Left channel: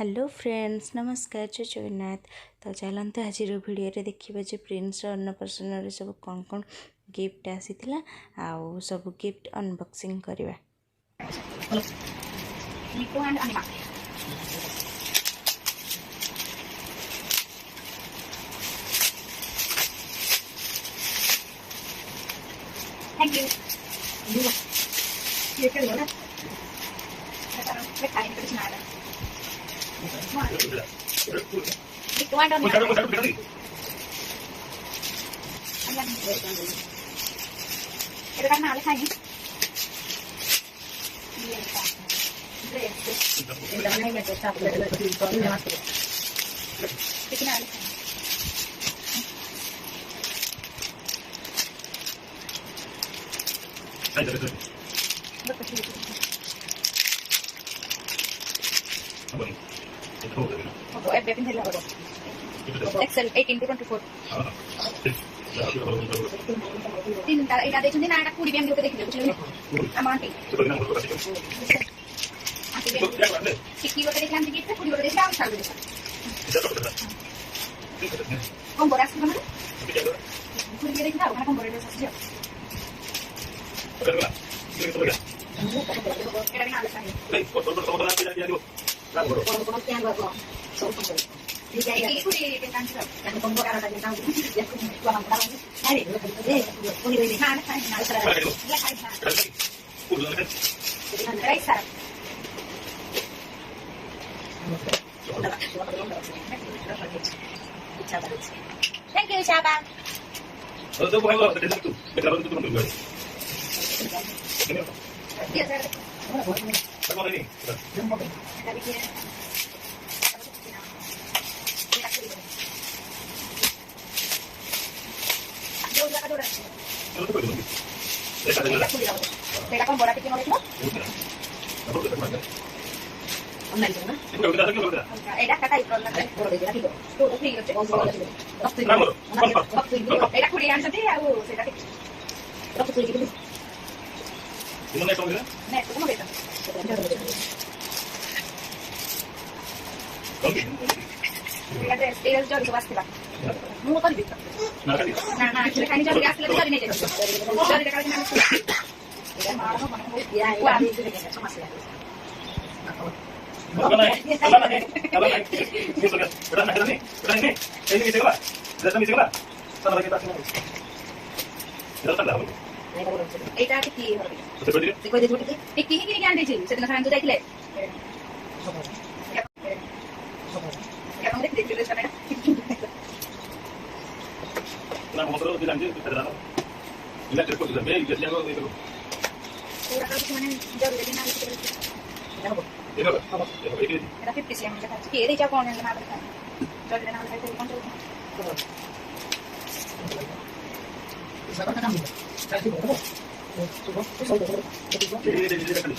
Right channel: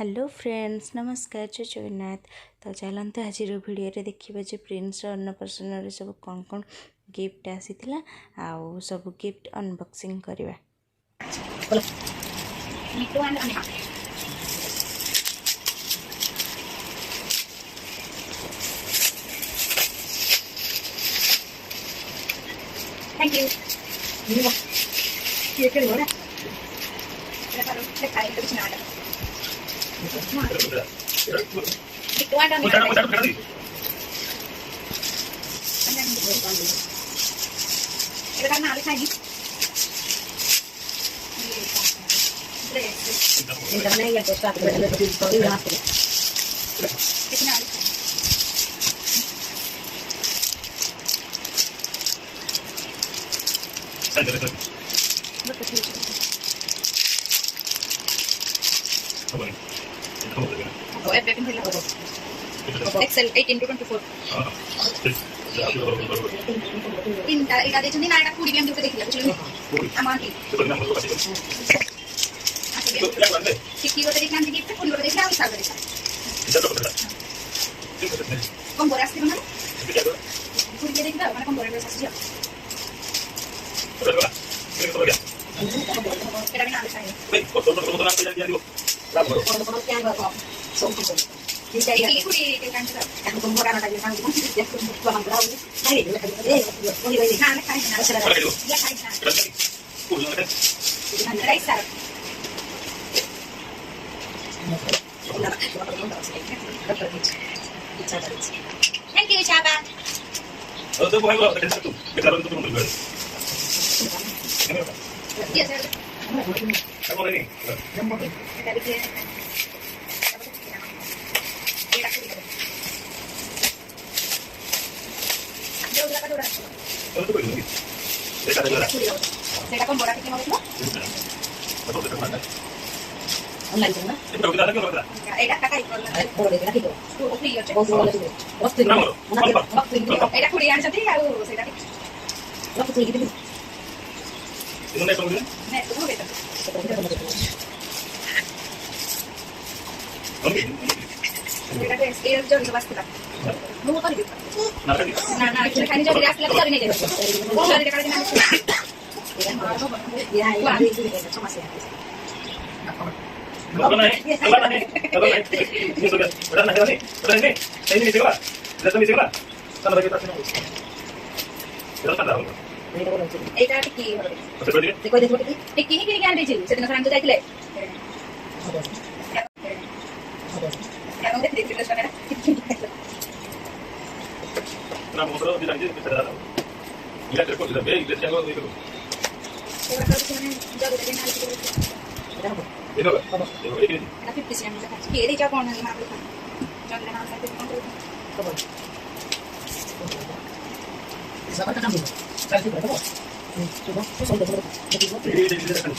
Hello friends, नमस्कार, जय जगन्नाथ। तो चलते आज भिडियो देखा जो प्रिंस अन्नप्रसन्न सब कौन कौन गिफ्ट आसी आउ सब गिफ्ट अनबॉक्सिंग करवा। Thank you. Excel 18 to 24 তিনটা এটা দেখছেন না এটা 20 বিএম দিতে দেখিলে বুঝলেন আমাকে কি করতে দেখলাম যে গিফট 20 করে দেখলাম আমি সার্ভে দেখলাম কম বড় আসছে মানে 20 দিয়ে দেখলাম ওখানে কম বড় আসছে যা এটা আমি না চাই এই কত না দিয়ে দিব লাভ করো কত কি আনবা সব কিছু Jadi ini aku di kantor, kan pembukaan ada yang kami dia pun buang bau. Hari ini boleh boleh kan kan sudah. Dia kan. Dengan raisa. Thank you, Chaba. Itu boleh lo, kita bantu dulu. Iya, sir. Kamu ini. Saya kan bola kecil mau online cuma. Ada kata itu kan. Boleh dia itu. Tuh free aja. Waktu itu. Waktu itu. Ada kurian saja ya, saya tadi. Waktu itu gitu. Ini nek kemudian? Nek kemudian. Oke. Ada scale jam sebab kita. Mau apa gitu? Nah, kita kan jadi asli lagi cari nih jadi. Jadi dekat dengan itu. Ya, ya, itu nih cuma sih. Apa nih? Ini sudah. Udah nih. Udah ini. Ini misi gua. Lihat misi gua. Sana lagi pasnya. Jalan kan dah. Eta tiki. Tiko itu tiki. Tiki ini kan ada jadi. Sedang serang tu tadi le. Ya, kamu lihat di sana. Nah, motor dilanjut kita dah. Lihat terus sudah baik, lihat yang itu. Orang kalau cuma jago di mana itu. Itu. Itu. Tapi pisi yang kita pakai ini jago orang yang mana itu. Jadi dengan saya itu kontrol. Coba. Siapa kan kamu? Saya itu berapa? Coba. Ini kan.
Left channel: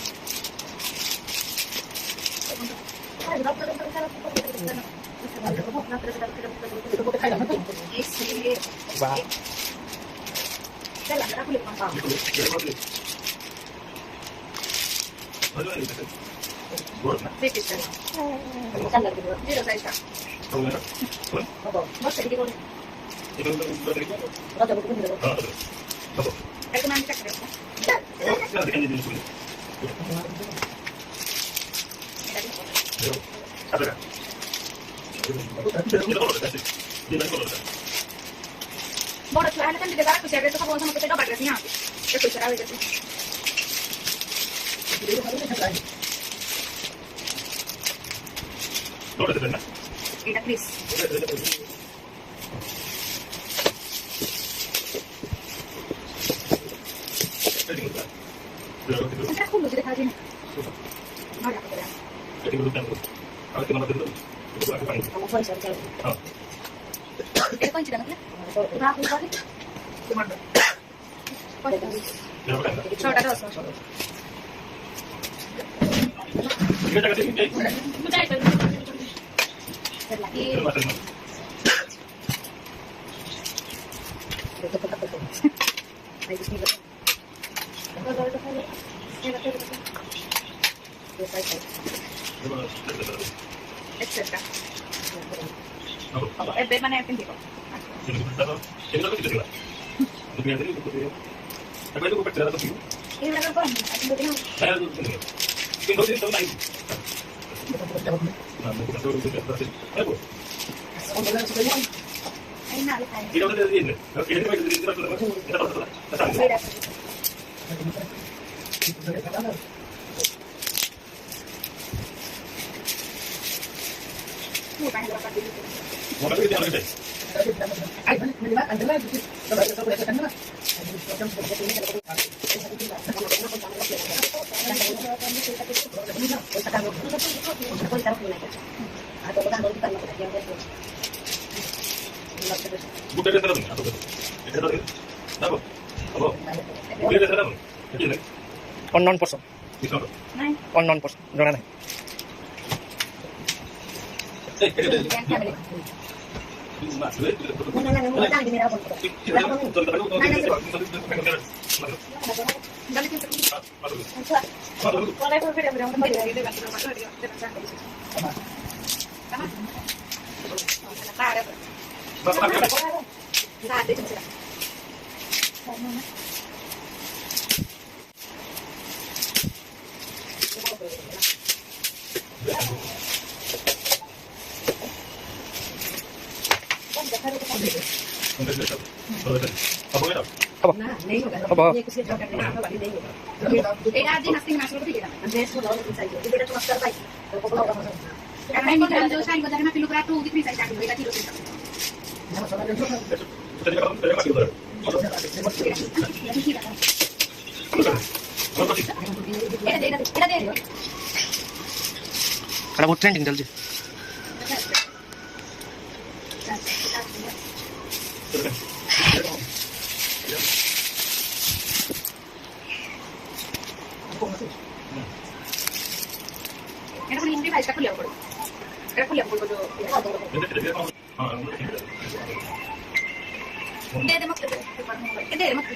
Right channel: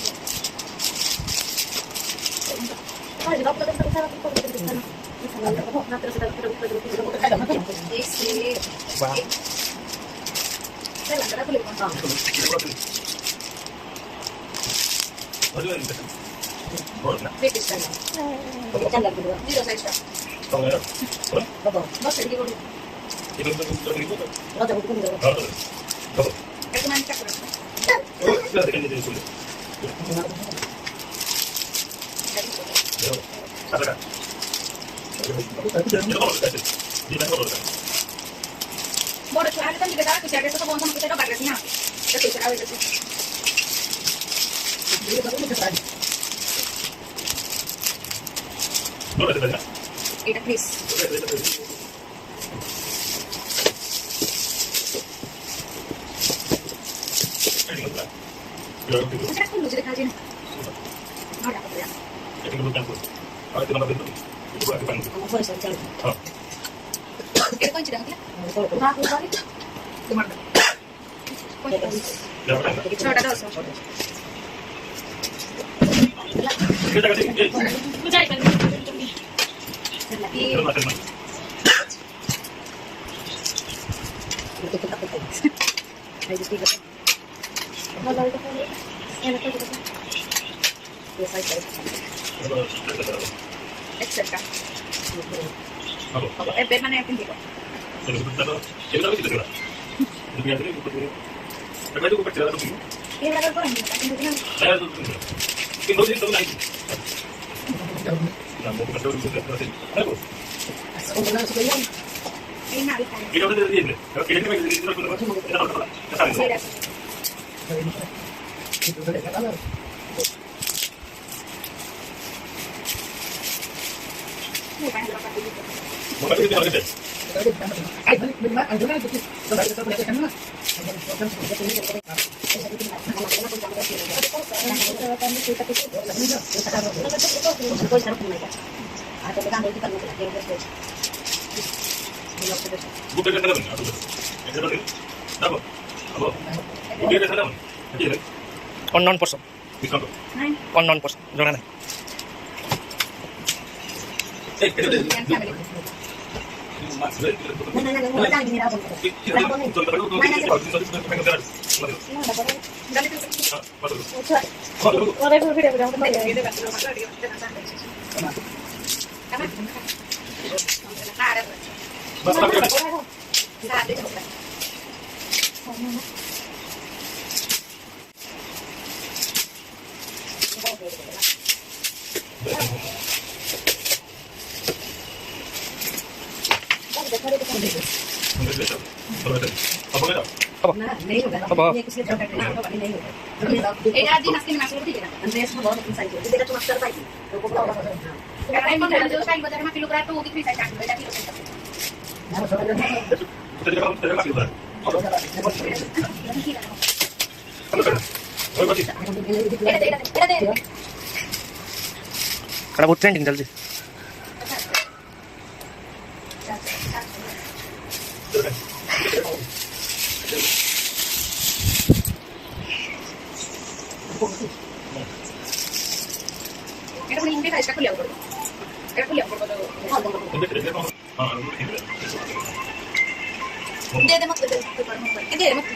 Oh, di dokter kita Wow. Bodoh tuh, kan juga salah kucing itu kamu sama kita coba agresnya. Kita bicara itu sih. Jadi baru kita tadi. Bodoh itu banyak. Kita Chris. Saya aku lucu deh kali ini. Mana aku ya? Jadi belum tentu. Aku nama itu. Boleh saya. Kita kunci dengan kita. Nah, aku balik. Gimana? Coba dah dosa. Kita kasih. Bujai kan. Lagi. Boleh itu kan. Ya betul betul. Biasa saja. Except हां a bed माने किंती को ये तो किसी का दुनिया से अगर तो ऊपर चला तो ये वाला कौन है किंतु दिन आया तो कि दो दिन तो नहीं ना वो तो तो है वो नहीं ना दिखाई ये तो दे दिए ओके ये में इस तरह तो ऐसा वो बात ये आगे बुक करके खत्म ऐसा तो ना वो अब बुक करके खत्म ठीक है unknown person किसको नहीं unknown person जଣା नहीं अब एक आज दिन नाश्ते में नाश्ता करती है ना ड्रेस में बहुत साइज है बेटा तुम कर पाई अगर मैं जो स्टाइल बता मैं किलो करा तो वो कितनी साइज आती है बेटा किलो kada बहुत ट्रेंडिंग चल जी এটা মানে ইন্ডি ফাইলটা খুলে আনবো এটা খুলে আনবো দে দে মত দে পারবো দে মত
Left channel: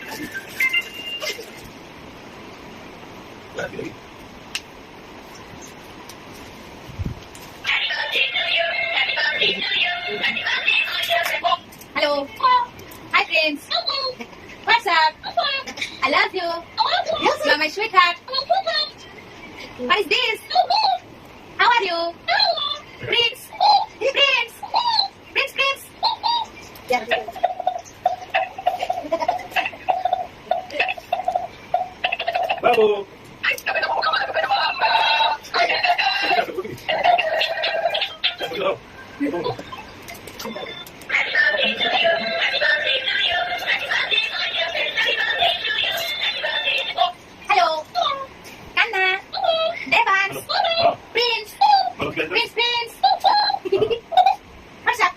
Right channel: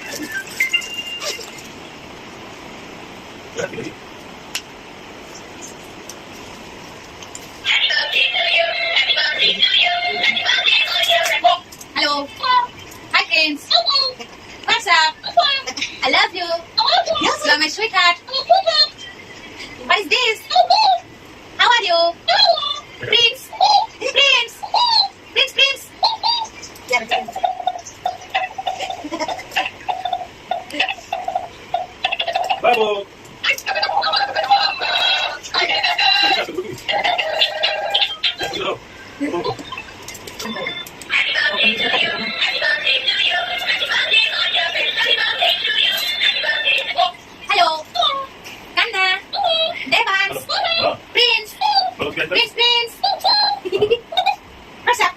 Hello. Hi friends. What's up? I love you. You are my sweetheart. What is this? How are you? Prince. Prince. Prince, Prince. Bravo. Hello. Kanna. Debun. Prince. Prince, Prince. What's up?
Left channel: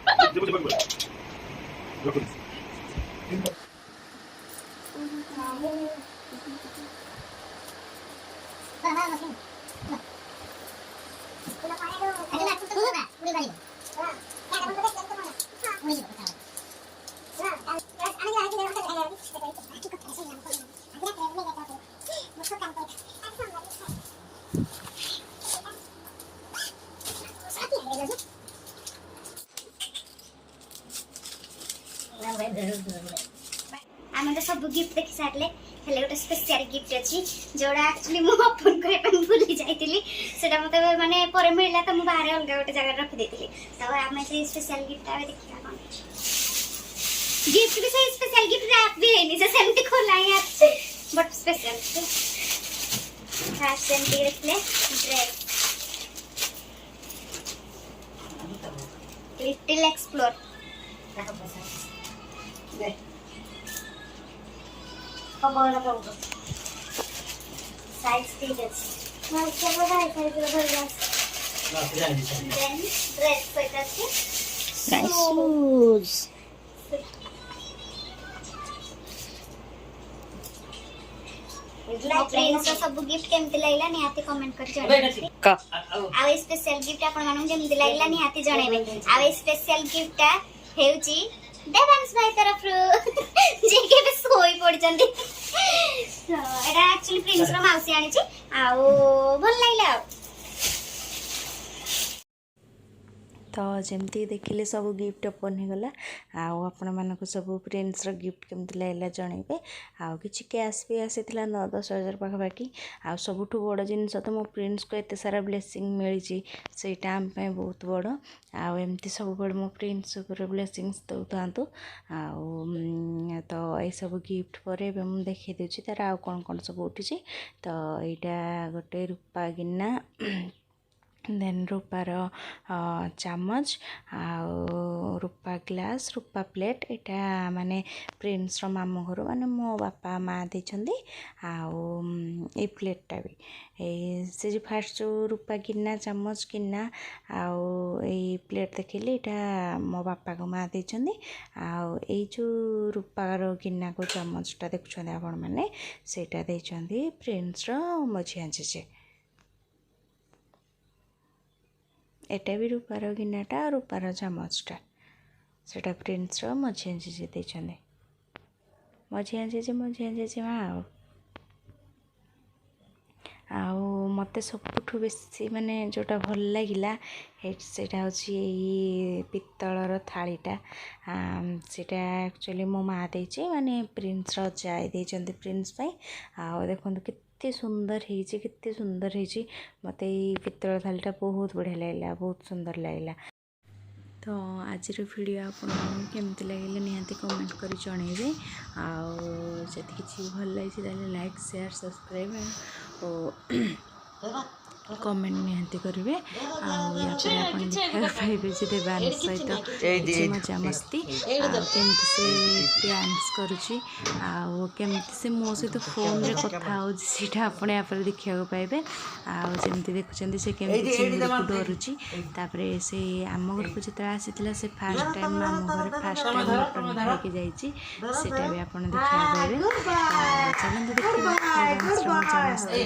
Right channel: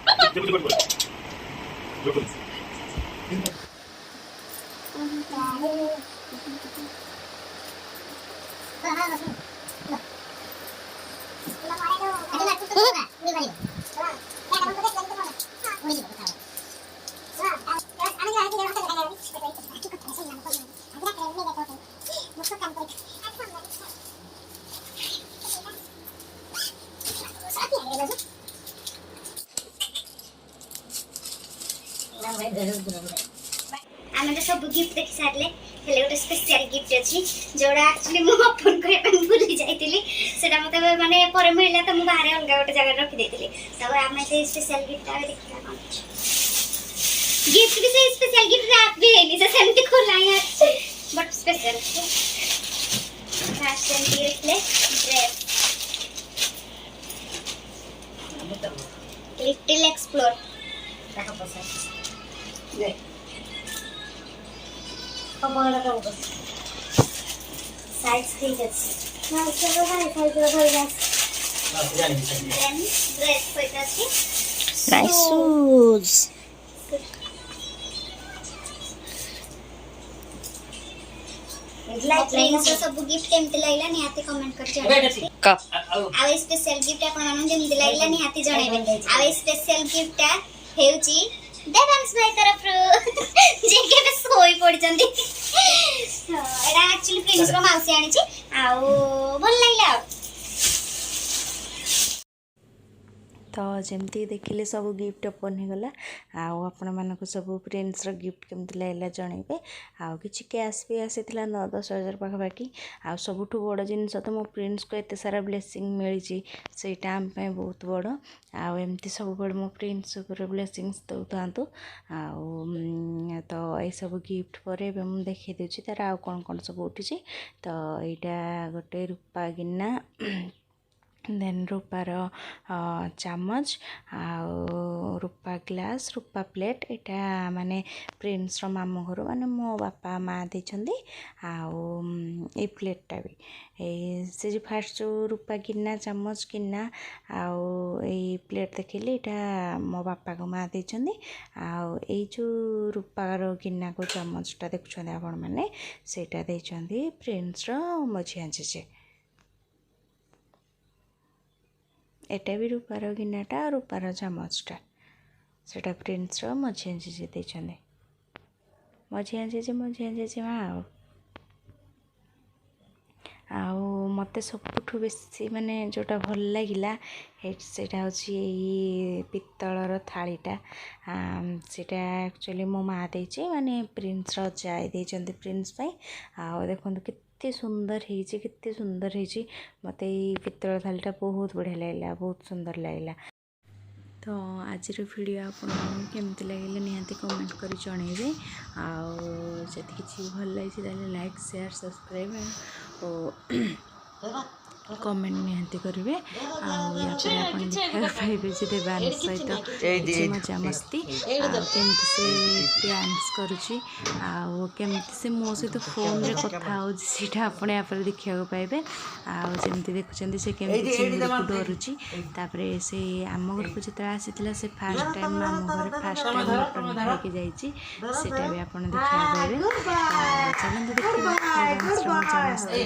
आम तो सब gift देखी सारे हेले गोटे special gift अच्छी जोड़ा actually मु ओपन करबा भूली जाइतिली सेटा मते माने पर मिलला तो मु बाहर अलग गोटे जगह रखी देतिली तब आमे से स्पेशल गिफ्ट आवे देखला कोन गिफ्ट भी से स्पेशल गिफ्ट आप भी लेनी से सेमती खोला है बट स्पेशल फैशन की रखले ड्रेस लिटिल एक्सप्लोर ले साइज ठीक है ना चलो भाई साइज रो भाई देन ड्रेस कोइता छी Nice shoes. फ्रेंड्स सब गिफ्ट केमति लागला निहाती कमेंट कर जणाबे का आ स्पेशल गिफ्ट आपण मानु केमति लागला निहाती जणाबे आ स्पेशल गिफ्ट हेउची देवांश भाई तरफ जे के बे सोई पड़ जंदी एटा एक्चुअली प्रिंस रो माउसी आनी छी आ भल लागला तो जमती देखिले सब गिफ्ट ओपन होगला आपण मानक सब फ्रेंड्स गिफ्ट केमती लगला जनइबे आउ कि कैश भी आसी 9-10 हज़ार पाखापाखि आ सबुठ बड़ जिनस तो मो फ्रेंड्स को एत सारा ब्लेसिंग मिली सेटा आम बहुत बड़ आमती सब बड़ मो फ्रेंड्स ब्लेसिंग्स दौ था तो ये सब गिफ्ट पर मुझे देखी दूसरी तार आउ कौन कौन सब उठी तो यहाँ गोटे रूपा गिना देन रूपार चामच रूपा ग्लास रूपा प्लेट यहाँ माने प्रिंस मामू घर माने मो बापा माँ देछंदी ए प्लेटा भी से जो फास्ट जो रूपा गिना चामच गिना प्लेट देखिली यहाँ मो बापा को माँ देछंदी ये जो रूपार गिना को चामचटा देखुछंदी आपण माने सेटा देछंदी प्रिंस मझिया जेजे एटा भी रूपार गिनाटा रूपार चामचटा सेटा प्रिंस मझिया जेजे देछंदी मझिया जेजे माँ मते सबुठ बेसी माने जोटा भल लगिला सेटा होची पित्तलर थालीटा सेटा एक्चुअली मो माँ देछि माने प्रिंस जाय देछंती प्रिंस पई देखंतु केते सुंदर हेछि केते सुंदर हेछि मते पित्तल थालीटा बहुत बढ़िया लागला बहुत सुंदर लागला। तो आज वीडियो आपन केमती लगे निहाती कमेंट कर जनइबे आदि किसी भल लगी लाइक शेयर सब्सक्राइब और कमेंट निहाती करेंगे आप देखा पाइबे जे देवान सहित मजा मस्ती केमती से डांस करुच्ची केमती से मो सहित फोन रे कथा होटा आपने यहाँ पर देखा पाइबे आमती देखुं से केमती चिंगड़ी को डरुची से आम घर को जो आसी से फास्ट टाइम आम घर फास्ट टाइम मटन खाई जाइए भी आप देखा पाइबे चलते देखा मजा मस्ती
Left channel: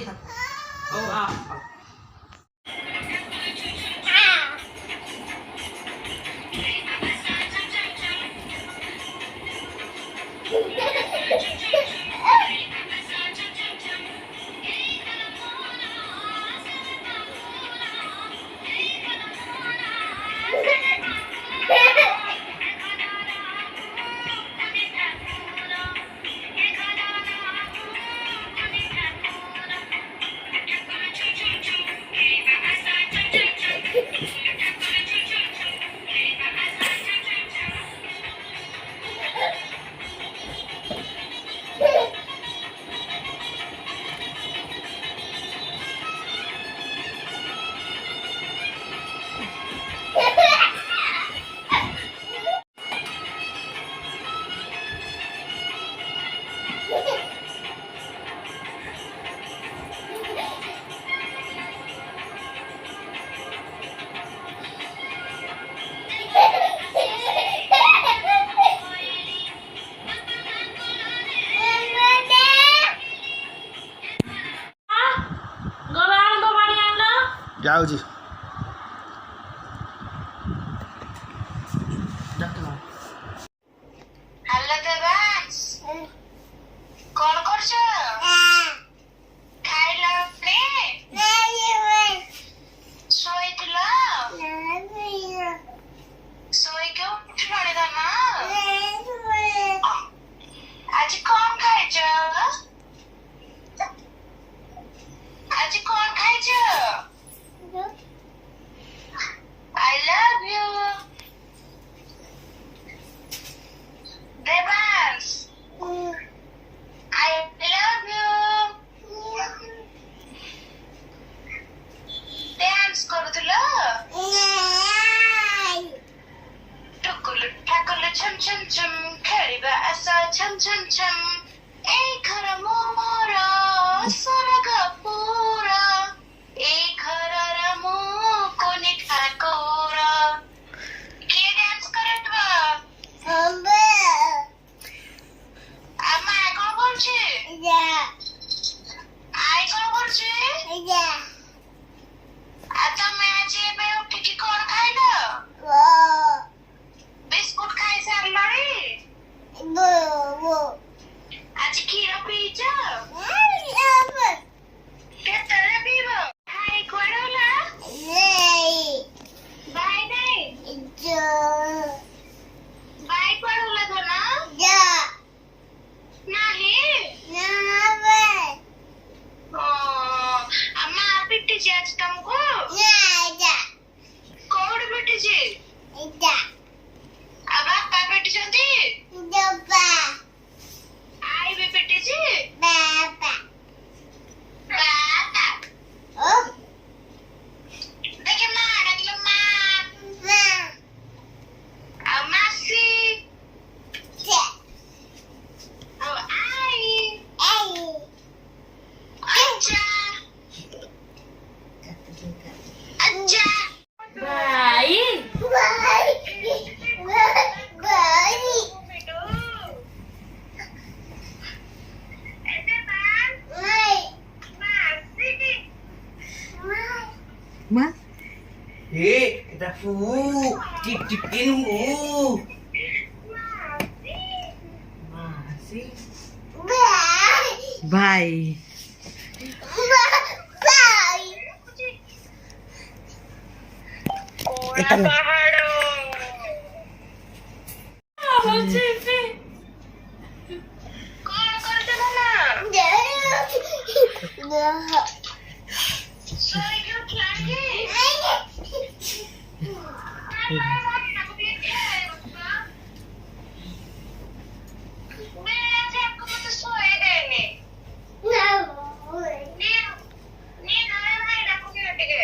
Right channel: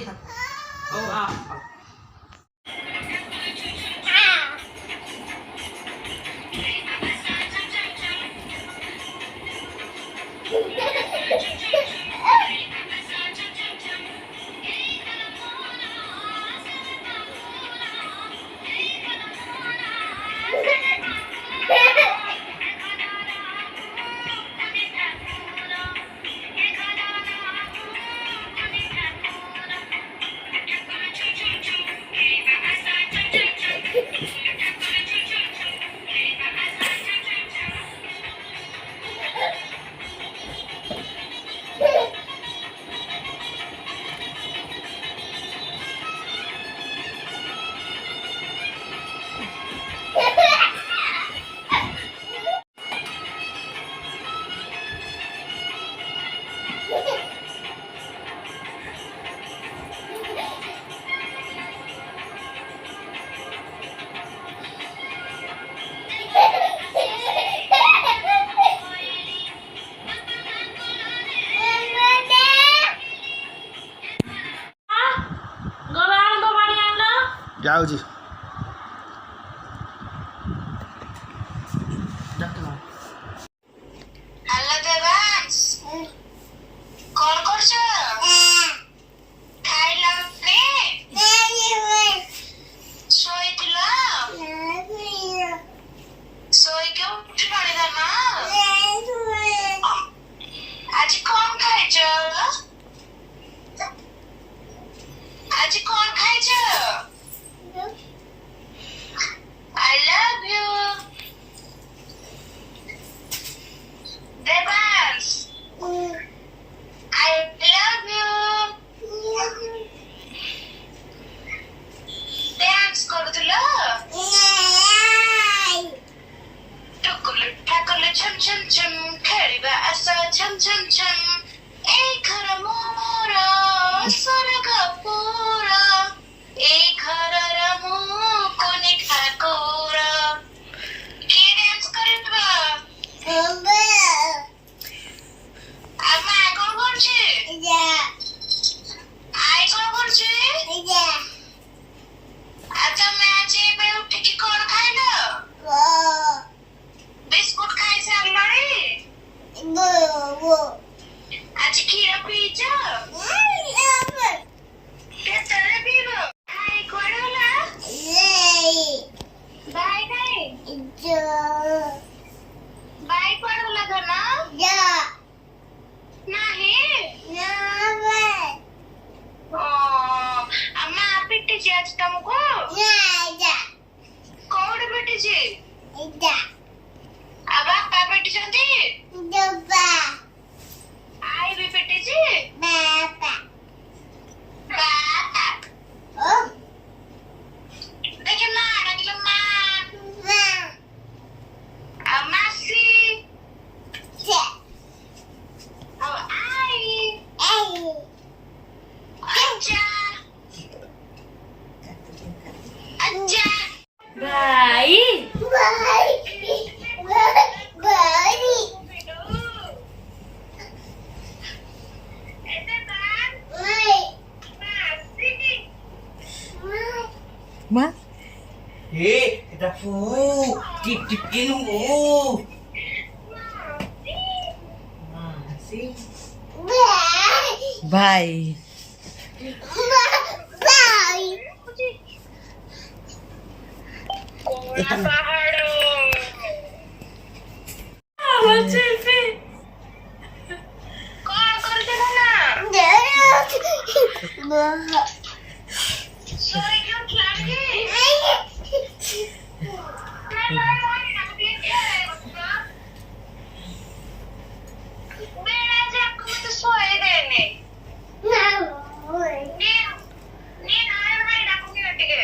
जाऊँ हेलो देवांश कौन करछ खाइला ने सोइतिला सोई के उठ पड़े था ना आज कौन खाइछ आज कौन खाइछ I love you. Debans. I love you. Dance କରୁଥିଲ? ଟୁକୁଲୁ ଠାକୁଲୁ ଛମ୍ ଛମ୍ ଛମ୍ ଖେଳିବା ଆସ ଛମ୍ ଛମ୍ ଛମ୍ ଏଇ ଘର ମୋର ସ୍ୱର୍ଗ ପୁର ଏଇ ଘରର ମୁଁ କୋନି ଠାକୁର କିଏ ଡ୍ୟାନ୍ସ କରିବ ଆମା କଣ କରୁଛି ଆଇ କଣ କରୁଛି ତମେ ଆଜି ଏବେ ଉଠିକି କଣ ଖାଇଲ ବିସ୍କୁଟ ଖାଇ ସାରିଲଣି ଆଜି କ୍ଷୀର ପିଇଛ କେତେ बाई पडवला था ना नाही अम्मा पिट्टी आज तुमको कौन पिट्टी अब बापा पिट्टी आई भी पिट्टी बापा देखिए माँ डाकिलो माँ मासी आई अच्छा अच्छा भाई Mas? Kita cip-cipin Masih. Bye. Ito na. कौन करते हो ना सोई क्यों खिलाड़ी मैं आपको मत सोए देने नींद आया नहीं डाकूंगी बेटे के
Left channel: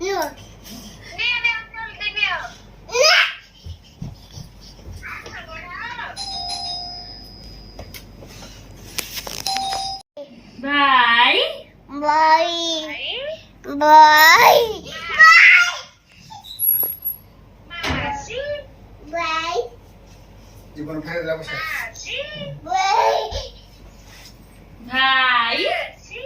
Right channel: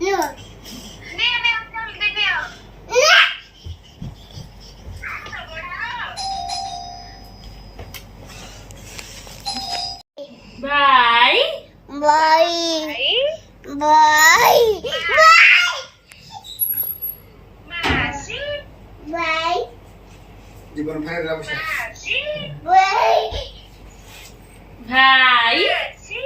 नहीं मैं चल देंगे भाई मासी Debun kaya dapat siya. मासी भाई मासी